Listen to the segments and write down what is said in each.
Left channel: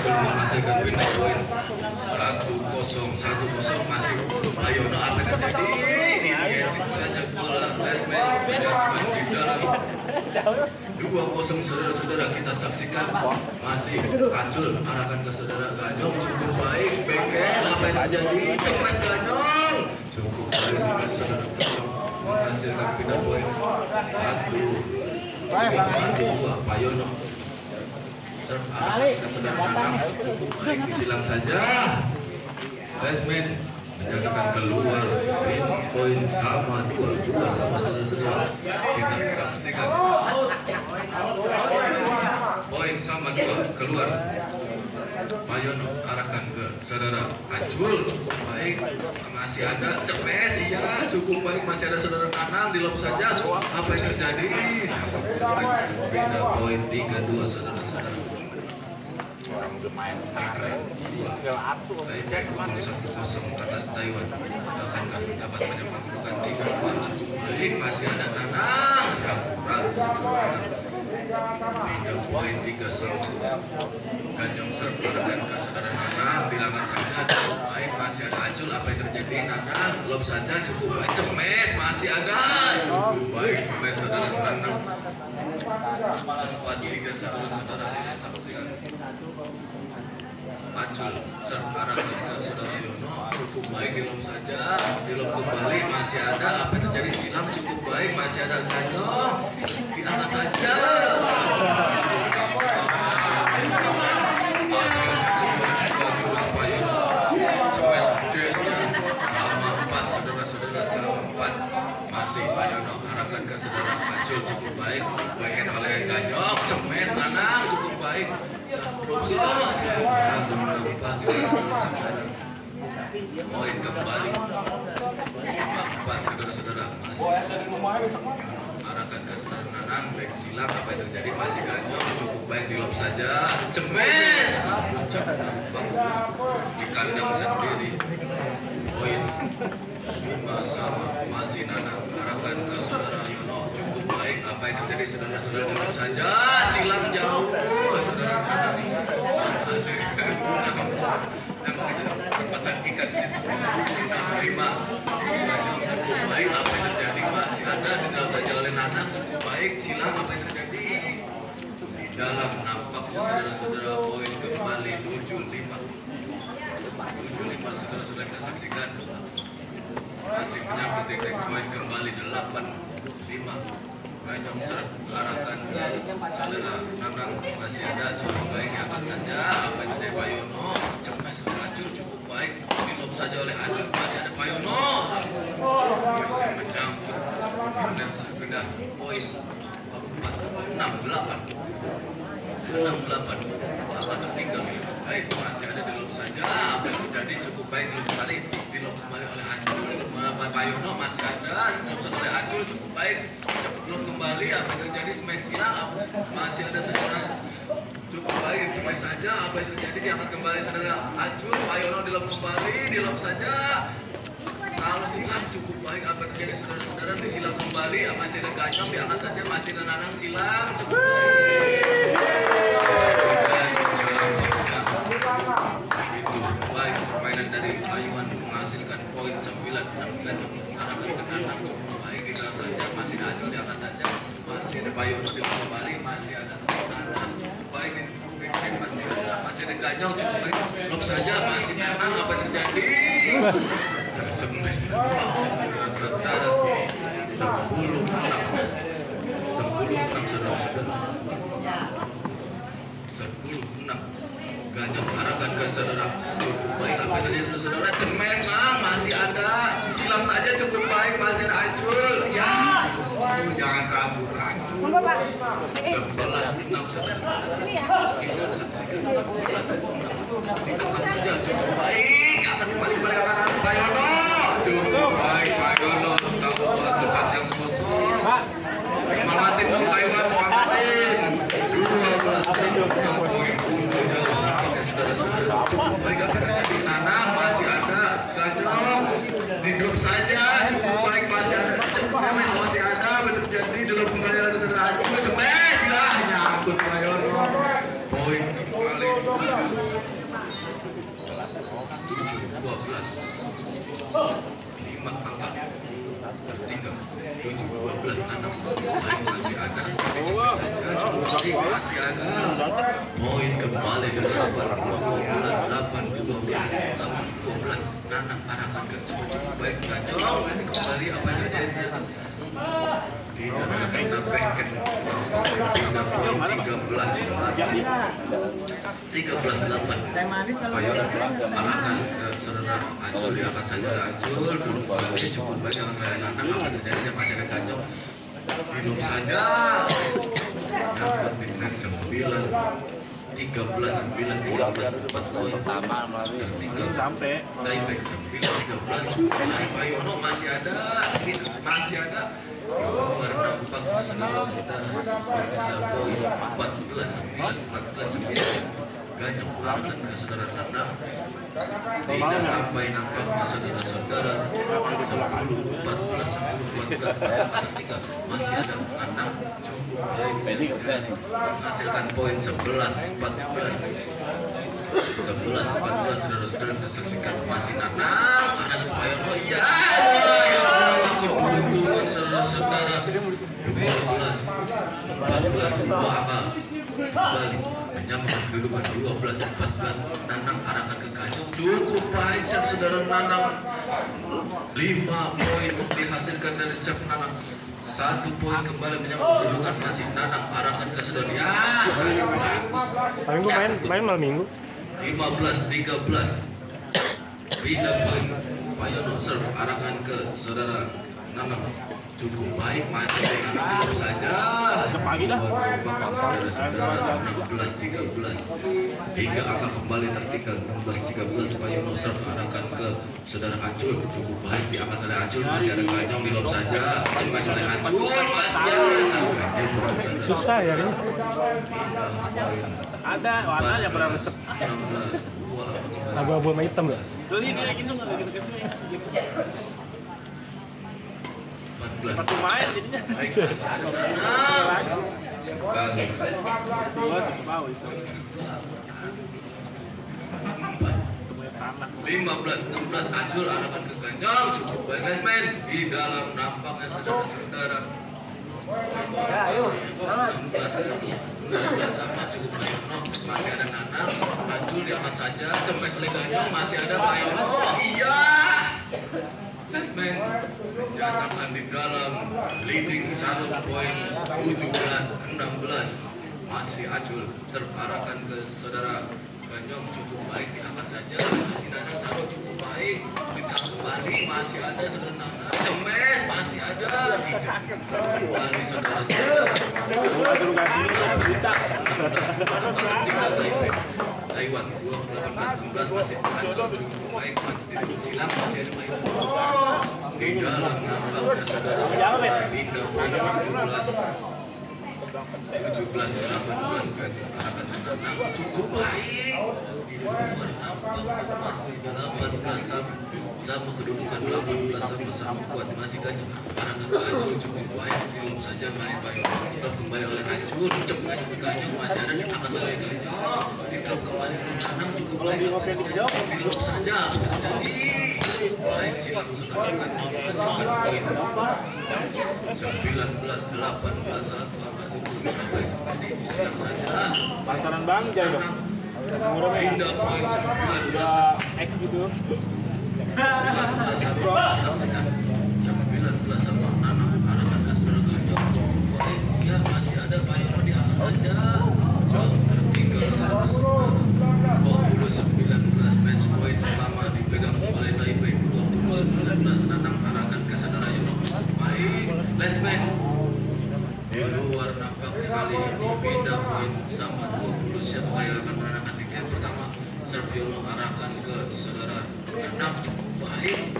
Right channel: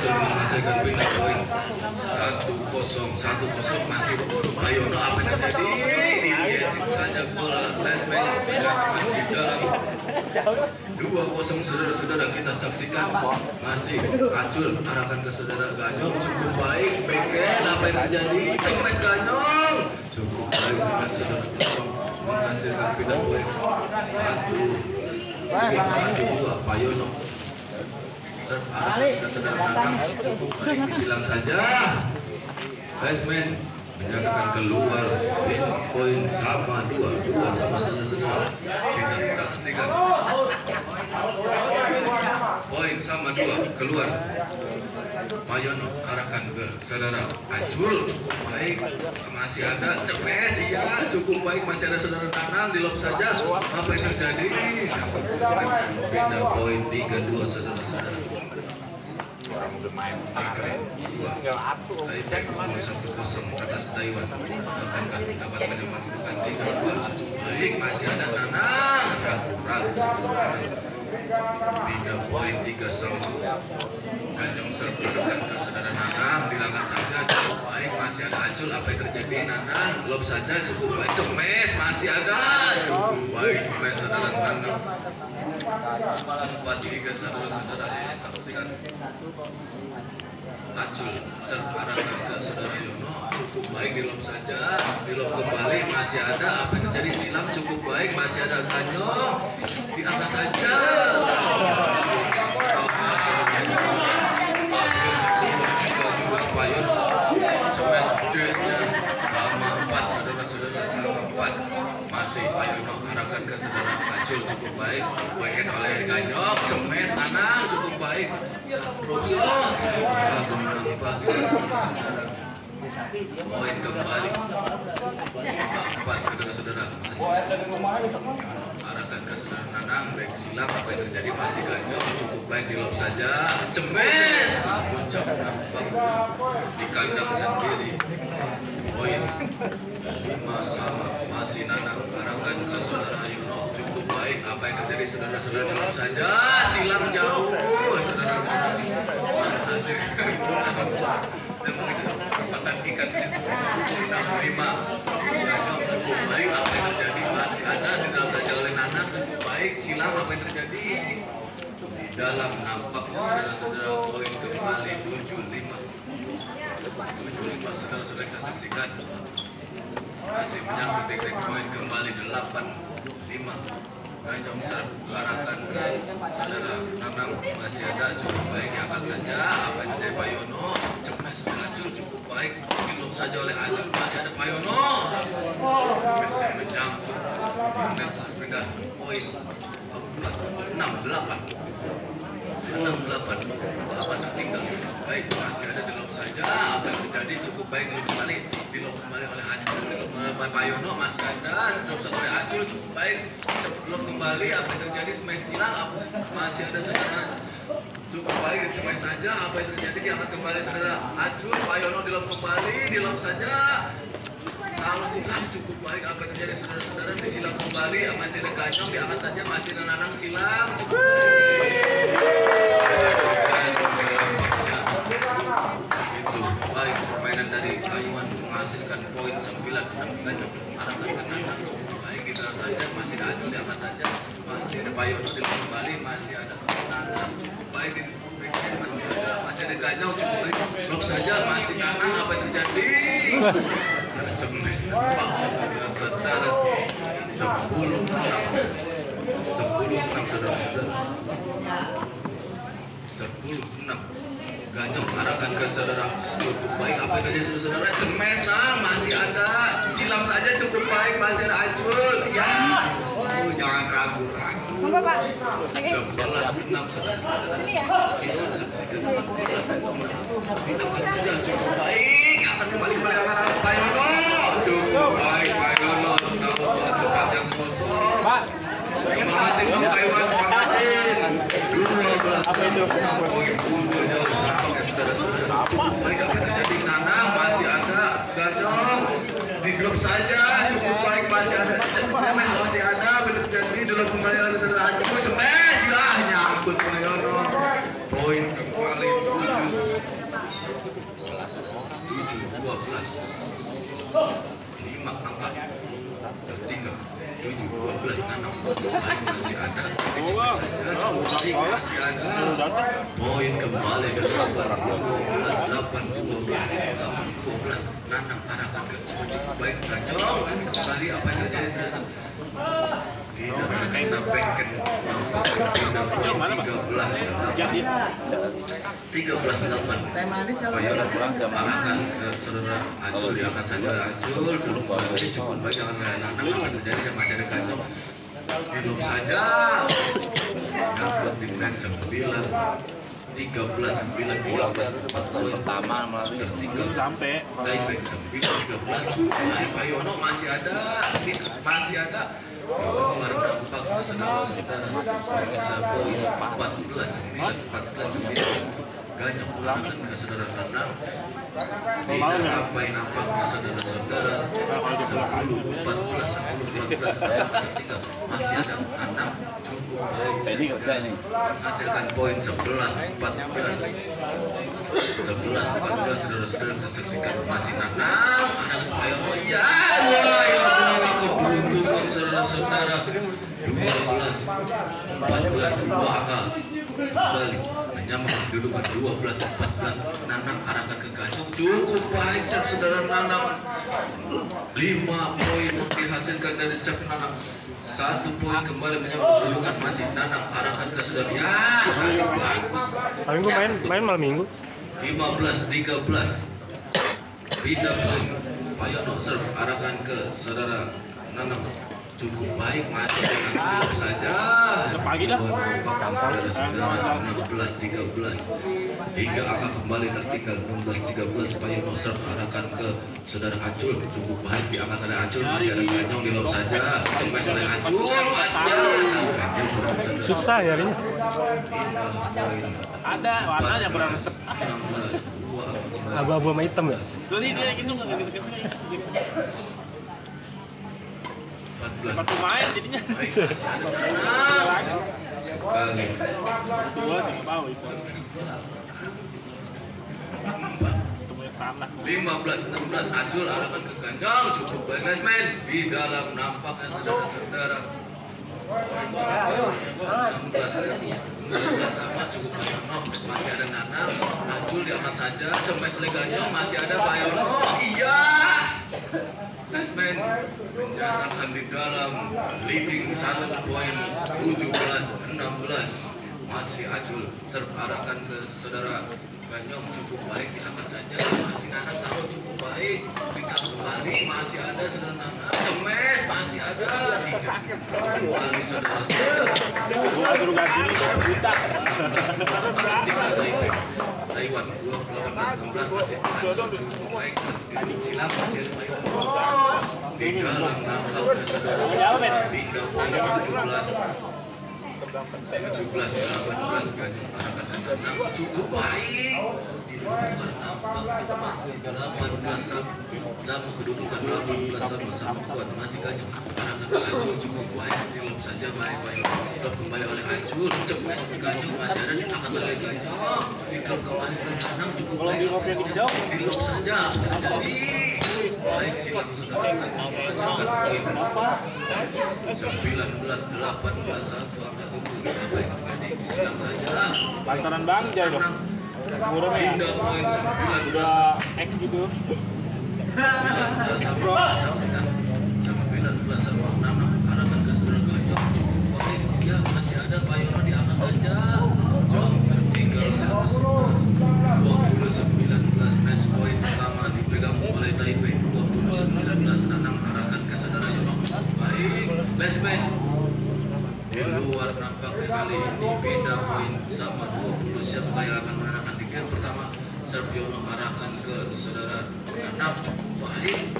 berhasil menghasilkan pindah poin 1-0 masih Bayono. Apa yang terjadi? Ini saja bola Lesmen berdatangan di dalam 2-0. Saudara-saudara, kita saksikan masih Acul arahkan ke saudara Ganyong, cukup baik beken. Apa yang terjadi? Cekres Ganyong cukup baik saudara menghasilkan pindah poin 1-2. Bayono kita sederhanakan cukup baik disilang saja. Lesmen menyatakan keluar poin sama 2-2 sama saudara-saudara. Kita saksikan poin sama 2 keluar. Bayono arahkan ke saudara Acul, cukup baik masih ada Cepes, iya cukup baik masih ada saudara Nanang di lob saja. Apa yang terjadi? Pindah poin 3-2 saudara-saudara. Orang bermain 3-2 atas Taiwan. Akan dapat menyempatkan 3-2. Baik masih ada Nanang pindah poin 3-1. Ganyong sertakan ke saudara Nanang dilakukan saja cukup baik masih ada Acul. Apa yang terjadi? Nanang lob saja cukup baik. Cemes masih ada cukup baik Cemes saudara Nanang. 4-3 saudara saksikan. Acul terarahkan ke saudara Yono, cukup baik di lob saja, di lob kembali masih ada. Apa yang terjadi? Silam cukup baik masih ada Ganyong di atas saja. Jurus Bayono sama 4 saudara-saudara sama 4 masih Bayono arahkan ke saudara Acul cukup baik bagian oleh Ganyong. Cemes Nanang cukup baik poin kembali 4 saudara-saudara masih arahkan ke saudara Nanang baik silang. Apa yang terjadi? Masih Ganyong cukup baik di lob saja. Cemes puncak nampak di kandang sendiri. Poin 5 sama masih Nanang arahkan ke saudara Yono, cukup baik. Apa yang terjadi saudara-saudara di lob saja. Silang jauh saudara Nanang berpasang ikan 5 Ganyong cukup baik. Apa yang terjadi? Masih ada di dalam saja oleh Nanang cukup baik. Silang. Apa yang terjadi? Di dalam nampak saudara-saudara poin kembali 7-5 saudara-saudara kita saksikan masih menyambut teknik poin kembali 8-5. Ganyong arahkan ke saudara Nanang masih ada cukup baik angkat saja. Apa yang terjadi? Bayono Cemes Acul cukup baik di lob saja oleh Acul masih ada Bayono mencampur pindah poin 6-8 apa tertinggal baik masih ada di lob saja. Apa yang terjadi? Cukup baik kembali di lob kembali oleh Acul. Bayono masih ada di lob satu oleh Acul cukup baik lob kembali. Apa yang terjadi? Smash hilang masih ada saudara cukup baik smash saja. Apa yang terjadi? Diangkat kembali saudara Acul. Bayono di lob kembali di lob saja. Kalau silang cukup baik. Apa yang terjadi saudara-saudara? Disilang kembali. Masih ada Ganyong diangkat saja. Masih ada Nanang silang cukup baik. Itu baik permainan dari Taiwan menghasilkan poin 9-6. Ganyong arahkan ke Nanang baik di dalam saja. Masih ada Acul diangkat saja. Masih ada Bayono di kembali. Masih ada Nanang baik di masih ada Ganyong cukup baik. Lob saja masih Nanang. Apa yang terjadi? Saudara 10-6 saudara-saudara 10-6 Ganyong arahkan ke saudara cukup baik. Apa yang terjadi saudara? Cemes masih ada silang saja cukup baik masih ada Acul ya. Jangan ragu lagi. Monggo Pak. 11-6 saudara. Itu saksikan 11-6 cukup baik. Akan kembali berangkat Bayono cukup baik. Bayono satu kandang kosong. Semangatin dong Taiwan, semangatin 12 poin saudara-saudara cukup baik. Apa terjadi? Nanang masih ada Ganyong di grup saja cukup baik masih ada Cemes masih ada. Terjadi di dalam kembali oleh saudara Acul. Cemes lah nyangkut Bayono poin kembali 7 masih ada. Poin kembali ke 12 Nanang arahkan ke cukup baik Ganyong kembali apa yang terjadi sekarang kita bengkel 13-8 Payo arahkan ke saudara Acul diangkat saja Acul dulu cukup baik dengan Nanang akan terjadi masih ada Ganyong hidup saja yang lebih baik 13-9 sampai baik 13 Payono masih ada warna 4 Ganyong pulangan ke saudara Tanam tidak sampai nampaknya saudara-saudara 10, 14 masih ada Tanam hasilkan poin 11-14 saudara-saudara kesaksikan masih Tanam ada Payono ya keberuntungan saudara-saudara 12-14 dua angka kembali menyamakan kedudukan 12-14 Nanang arahkan ke Ganyong cukup baik saudara Nanang 5 poin dihasilkan dari Chef Nanang 1 poin kembali menyamakan kedudukan masih Nanang arahkan ke saudara ya paling gue main malam minggu 15-13 pindah poin Payono serve arahkan ke saudara Nanang cukup baik masih Nanang saja pagi dah saudara 16-13 hingga akan kembali tertinggal 16-13 Payono serve arahkan ke saudara Acul cukup baik diangkat oleh Acul masih ada Ganyong di lob saja masih oleh Acul susah ya ini ada warnanya berangsek abu-abu sama hitam ya seli dia gitu nggak gitu kesini kartu main jadinya sekali dua sih mau itu 15-16 Acul arahkan ke Ganyong cukup baik guys men di dalam nampaknya saudara-saudara 16 sama cukup Payono masih ada Nanang Acul diangkat saja sampai oleh Ganyong masih ada Payono iya guys men menyatakan di dalam leading 1 poin 17-16 masih Acul serve arahkan ke saudara Ganyong cukup baik diangkat saja masih Nanang sama cukup baik kita kembali masih ada saudara Nanang cemes masih ada kembali saudara-saudara Taiwan 12-16 masih Acul cukup baik masih silam masih ada Payono di dalam nampaknya saudara pindah poin 17-18 Ganyong arahkan ke Nanang cukup baik di nomor 18 sama kedudukan 18 sama kuat masih Ganyong arahkan ke Acul cukup baik di lob saja main Payono drop kembali oleh Acul cepat Ganyong masih ada diangkat oleh Ganyong di drop kembali oleh Nanang cukup baik di lob saja jadi baik silang saudara Ganyong hasilkan poin 19-18 baik tadi silang saja pantaran Bang Jai dong pindah poin 19 X gitu 19 sama Nanang arahkan ke saudara Ganyong ya masih ada Payono diangkat saja jauh tertinggal 20-19 match point pertama dipegang oleh Taipei 20-19 Nanang arahkan ke saudara Yono baik placement di luar nampaknya kali ini pindah poin sama 20 siapa yang akan menarahkan di game pertama serve Yono arahkan ke saudara Nanang cukup baik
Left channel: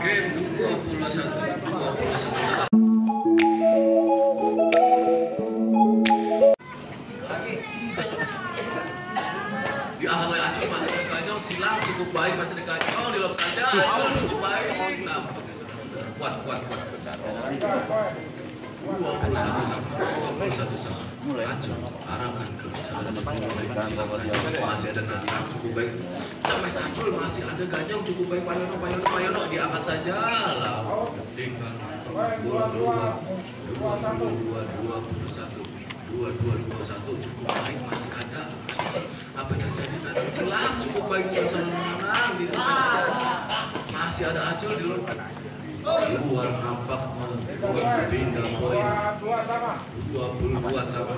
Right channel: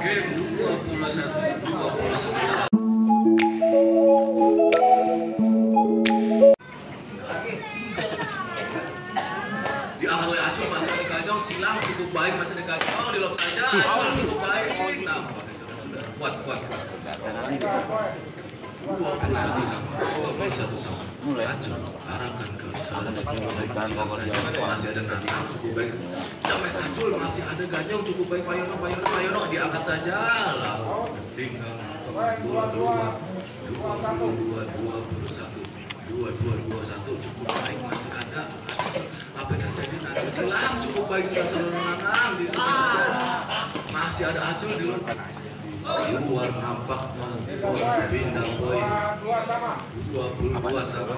game 21-29 diangkat oleh Acul masih ada Ganyong silang cukup baik masih ada Ganyong di lob saja Acul cukup baik nah sudah kuat 21 sama Acul arahkan ke saudara masih ada Nanang cukup baik sampai Acul masih ada Ganyong cukup baik Payono diangkat saja lah tinggal 22 cukup baik, masih ada. Apa yang terjadi nanti? Silam cukup baik, senang di masih ada Acul di luar nampaknya bintang poin 22 sama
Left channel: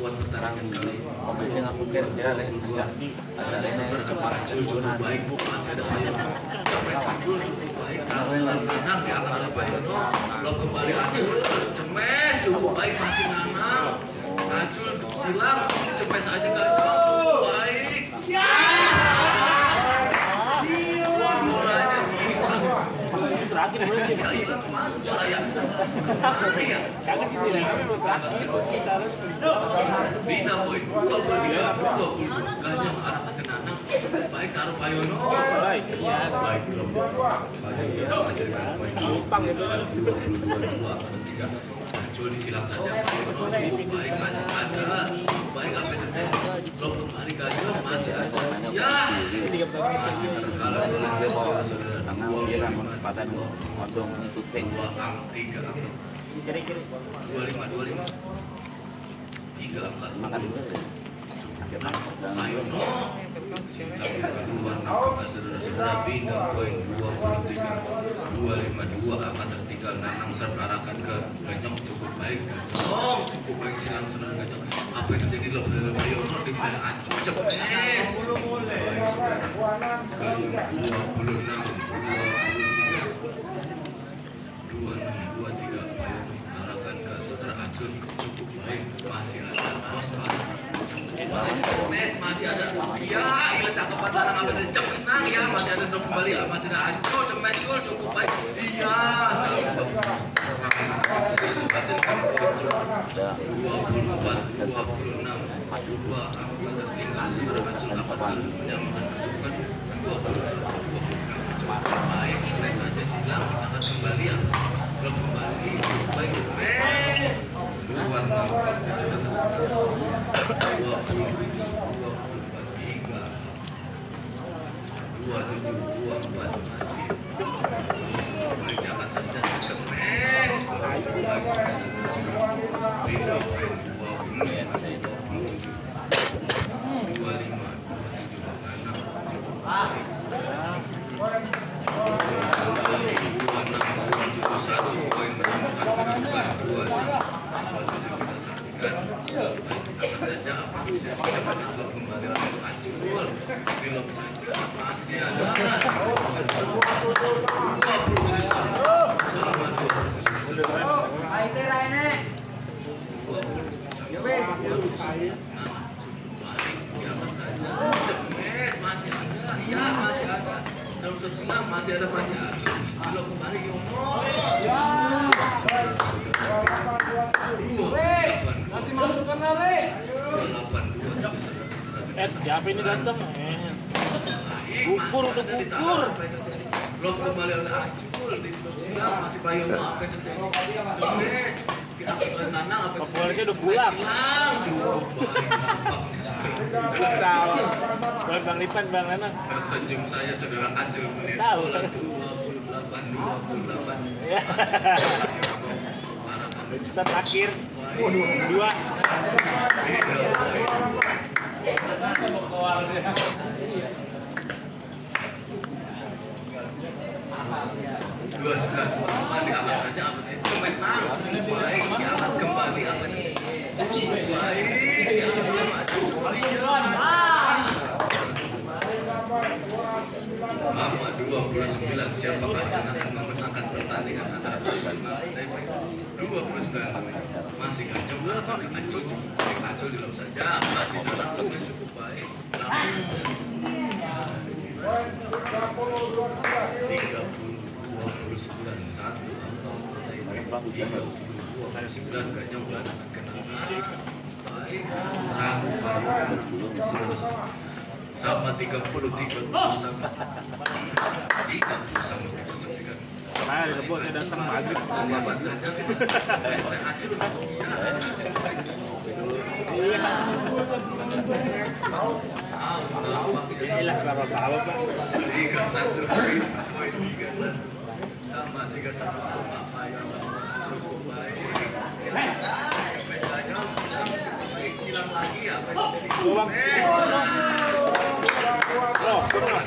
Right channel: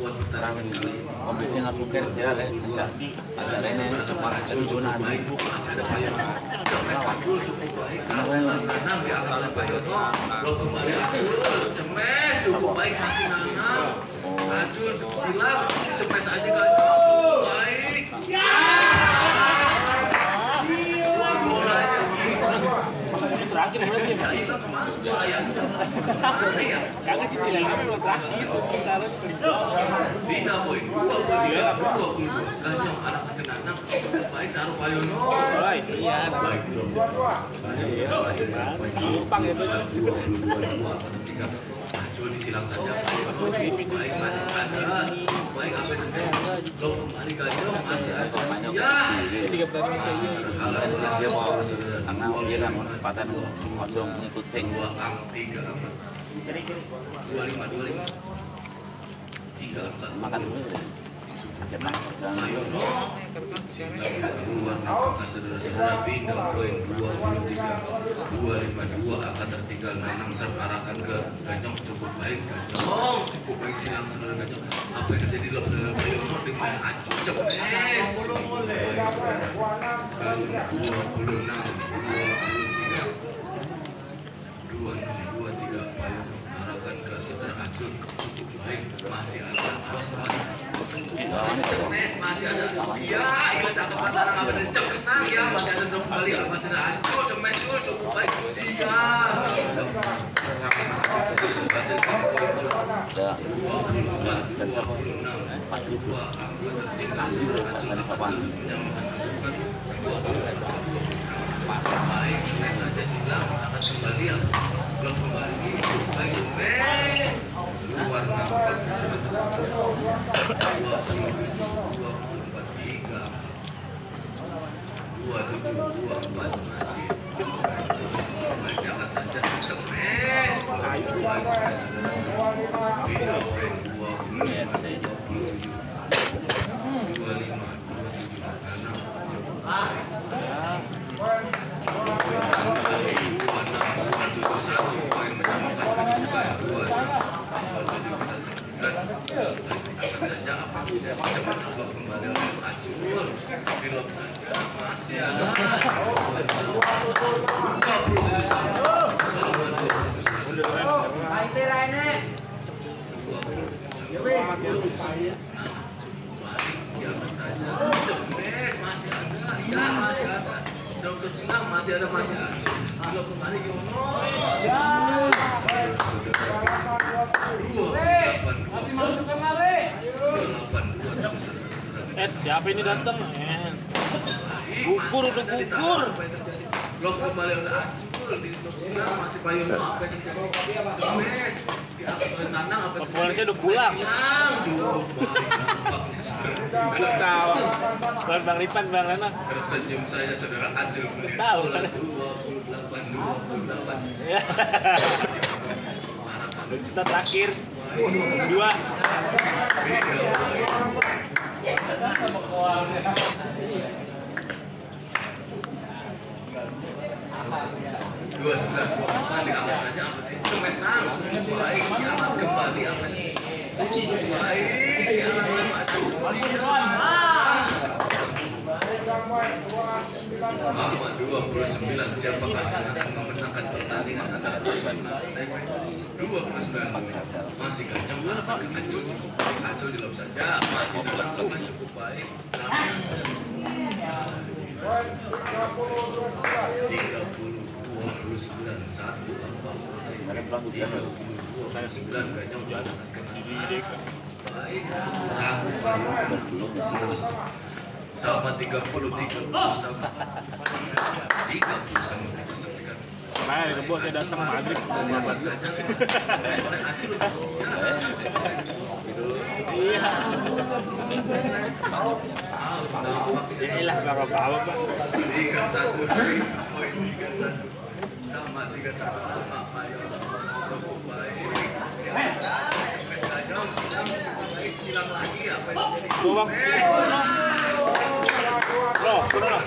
kuat pertandingan kali ini. Mobilnya nggak mungkin dia Acul cukup baik, masih ada Payono. Acul cukup baik, Nanang diangkat oleh Payono. Belum kembali Acul, Cemes cukup baik, masih Nanang. Acul silam, Cemes aja nggak cukup baik. Terakhir berarti kagak sih nilai terakhir Bina poin 23 Ganyong arahkan ke Nanang baik taruh Payono baik iya baik gampang ya tuh Acul disilang saja Payono baik masih ada baik apa itu belum kembali Ganyong masih ada ya tiga pertandingan kalau dia mau tengah dia kan pada ngomong ngikut sing 3 kiri-kiri 25 3 makan dulu Payono saudara-saudara pindah poin 23 akan tertinggal Nanang serp arahkan ke Ganyong cukup baik cukup baik silang saudara Ganyong apa yang terjadi loh saudara Payono dengan Acul Cemes 26 Payono arahkan ke saudara Acul cukup baik masih ada Cemes masih ada iya ini cakapan barang apa dari Cemes nang ya masih ada dong kembali masih ada Acul Cemes cukup baik iya masih ada belum kembali siapa ini datang gugur udah gugur belum kembali udah Acul di silang masih Payono apa yang terjadi Cemes Nanang apa pembalasnya udah pulang kalau tahu Bang Lipan Bang Nanang tersenyum saja saudara Acul melihat bola 28 kita terakhir dua diangkat saja apa sih Cemes nang baik diangkat kembali apa sih baik Mama 29 siapakah yang akan memenangkan pertandingan antara 29 masih Ganyong arahkan ke Acul di dalam saja masih dalam cukup baik 29 Ganyong berangkat ke baik ragu sama 30 sama nah itu bos saya datang maghrib lihat saja oleh Acul iya inilah kalau tahu Pak 31 poin 31 sama 31 sama Payono cukup baik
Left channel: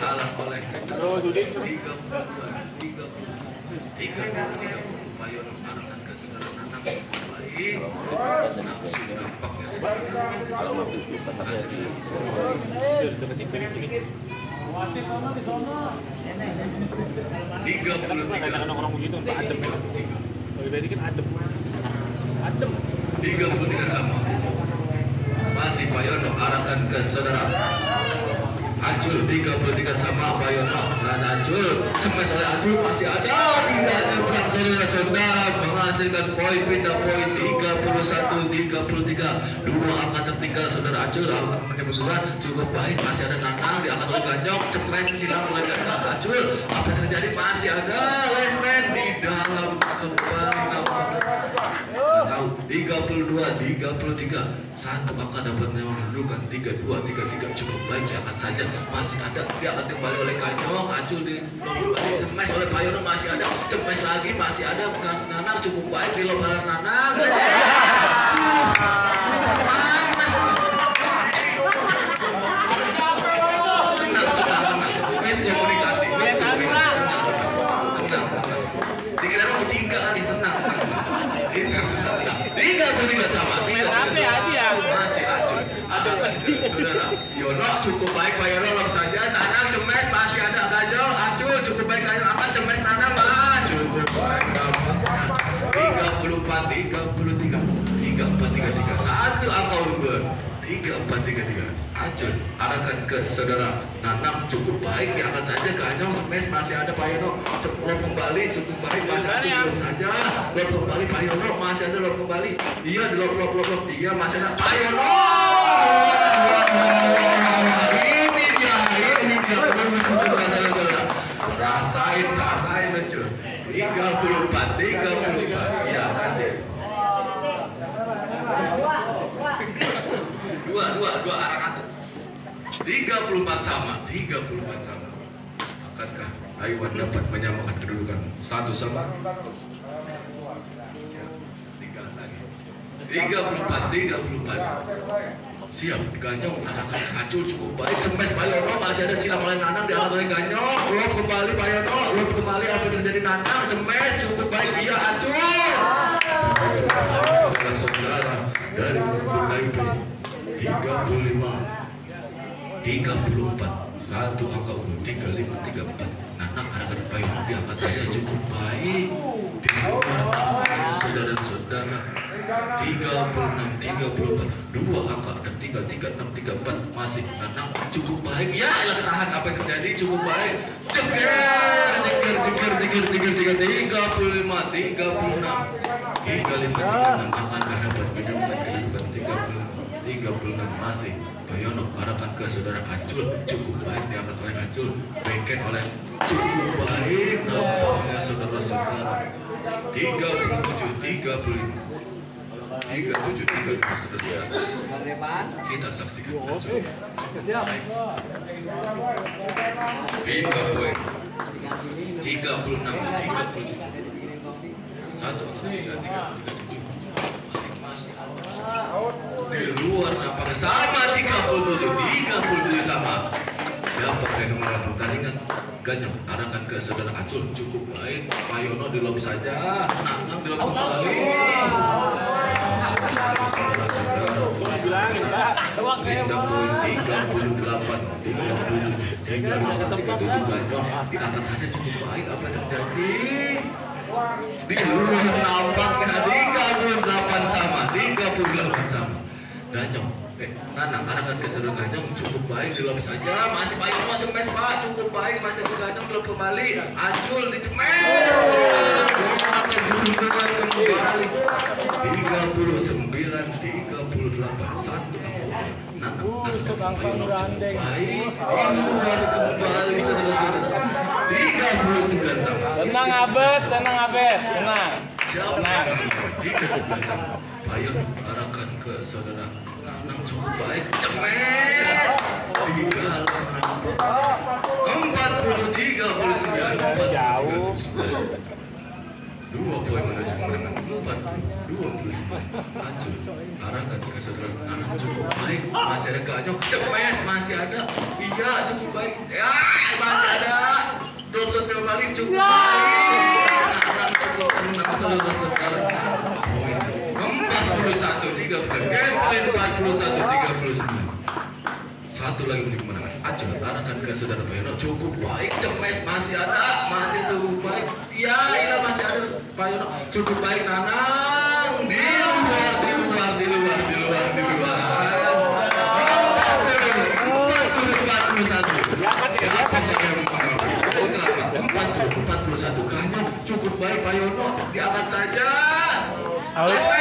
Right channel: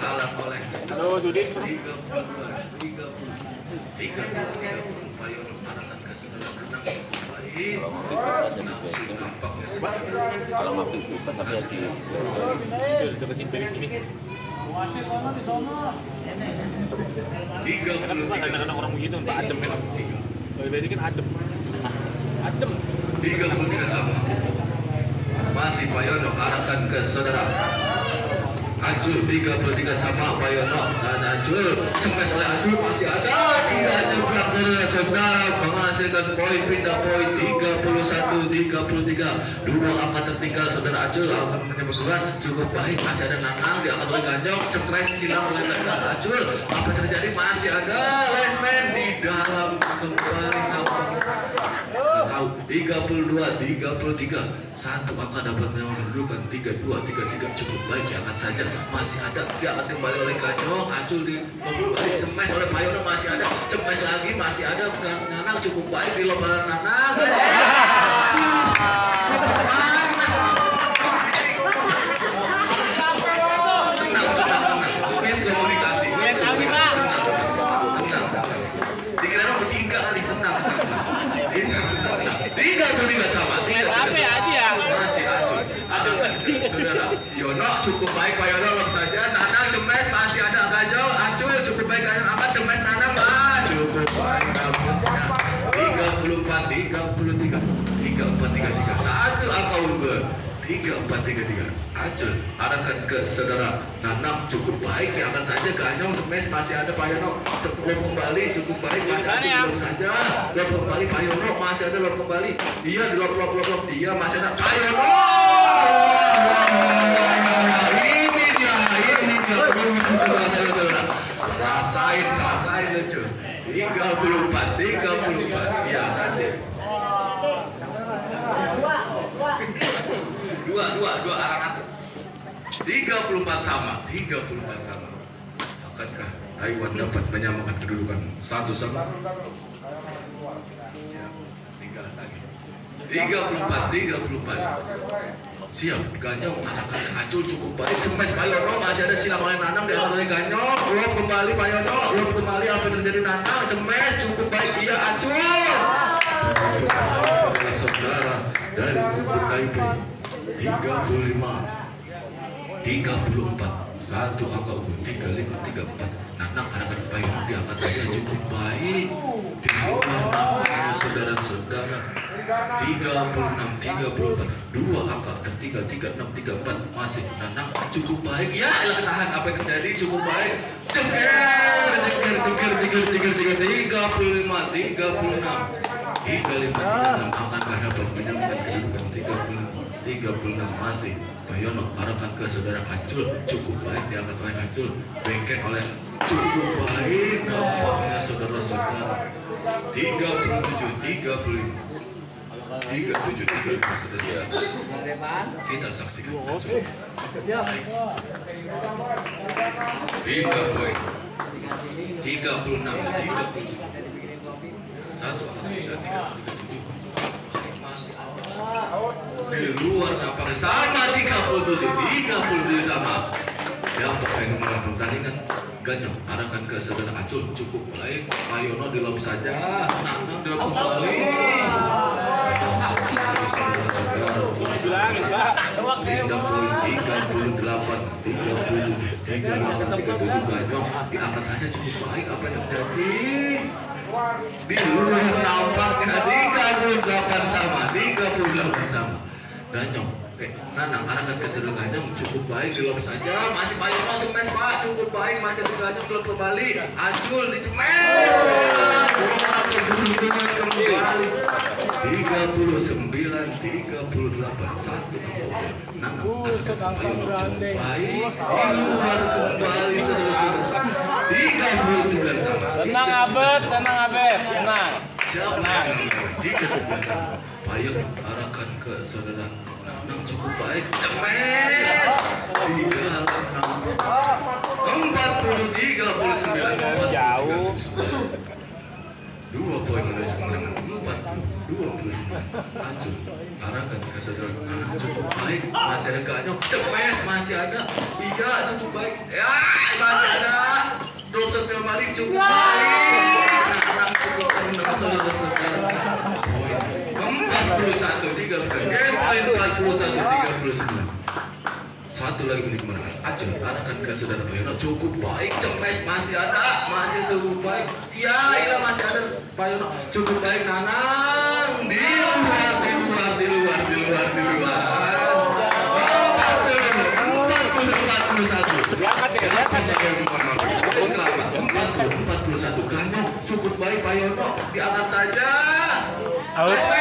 kalah oleh Oh, Sudin. 3 Bayono arahkan ke saudara Nanang baik Kalau mau pas saya di Ke situ ini. 33 Kadang-kadang orang begitu untuk adem kan. Kalau tadi kan adem. Adem. 33 sama. Masih Bayono arahkan ke saudara Acul. 33 sama Bayono dan Acul. Smash oleh Acul, masih ada di dalam saudara menghasilkan poin, pindah poin 31-33. Dua angka tertinggal saudara Acul menyebutkan cukup baik. Masih ada Nanang diangkat oleh Ganjong, smash silang oleh Ganjong. Acul, apa yang terjadi? Masih ada Lesman di dalam kembang. 32-33. Satu angka dapat mendudukan 32-33 cukup baik. Jangan saja masih ada, dia akan kembali oleh Ganjong. Acul di kembali smash oleh Bayono, masih ada, smash lagi masih ada. Nanang cukup baik di lomba Nanang. Tenang. Miskomunikasi. Tenang. Dikira nomor 3 kali, tenang. 33 sama. 33 masih Acul. Ada kan saudara Yono cukup baik, Bayono lom saja. Nanang cemes masih ada Ganjong. Acul cukup baik, Ganjong angkat cemes. Nanang cukup baik. 34-33. Satu angka unggul. 34-33. Acul arahkan ke saudara Nanang cukup baik, diangkat saja. Ganjong smash masih ada Bayono. Lom kembali cukup baik, masih Acul lom saja. Lom kembali Bayono, masih ada lom kembali. Dia di lom. Dia masih ada Bayono. Ini dia. Rasain lucu. 34. Ya, nanti. Dua arah atur. 34 sama. Akankah Taiwan dapat menyamakan kedudukan? 1 sama. Ya, tinggal lagi. 34. Siap, Ganjong arahkan ke Acul cukup baik. Smash Bayono, masih ada silang oleh Nanang, diangkat oleh Ganjong. Lom kembali Bayono, lom kembali apa yang terjadi Nanang. Smash cukup baik, dia Acul. Saudara dari KIP 35-34. Satu angka unggul 35-34. Nanang arahkan Bayono, diangkat saja cukup baik. Di saudara-saudara 36-34. Dua angka tertinggal 36-34. Masih Nanang cukup baik. Ya elah ketahan, apa yang terjadi? Cukup baik. Ceker 35-36. Akan dapat menyamakan kedudukan 36. Masih Bayono arahkan ke saudara Acul cukup baik, diangkat oleh Acul, bengket oleh cukup baik. Nampaknya saudara-saudara 37-35 saudara. Kita saksikan Acul baik. Pindah poin 36-35. Satu angka 37. Di luar nampaknya sama 37 sama. Siapa yang nomor pertandingan? Ganjong arahkan ke saudara Acul cukup baik. Bayono di lom saja. Nanang di lom kembali. Pindah poin 38-37. Ganjong diangkat saja cukup baik. Apa yang terjadi? Di luar nampaknya 38 sama. Ganjong, Nanang arahkan ke saudara Ganjong cukup baik, di lom saja. Masih Bayono cemes Pak, cukup baik. Masih ada Ganjong belum kembali. Acul di cemes. Kembali 39-38. Satu. Nanang arahkan Bayono cukup baik. Di luar kembali saudara-saudara 39 sama. Tenang Abed. Tenang. Tenang. 39 sama. Bayono arahkan ke saudara Nanang cukup baik. Cemes. 40-39. Jauh. 2 poin menuju kemenangan 40. Hancur. Arahkan ke saudara anak cukup baik. Masih ada ganyok. Cepes masih ada. Iya cukup baik. Ya masih ada. Belum selesai kembali cukup baik. Anak cukup menang saudara sekarang. 41-39. Satu lagi menit kemenangan. Acun arahkan ke saudara Payono. Cukup baik. Cepes masih ada. Masih cukup baik. Ya ini masih ada Payono. Cukup baik kanan. Di luar. 41 Ganyo cukup baik Payono diangkat saja. Out.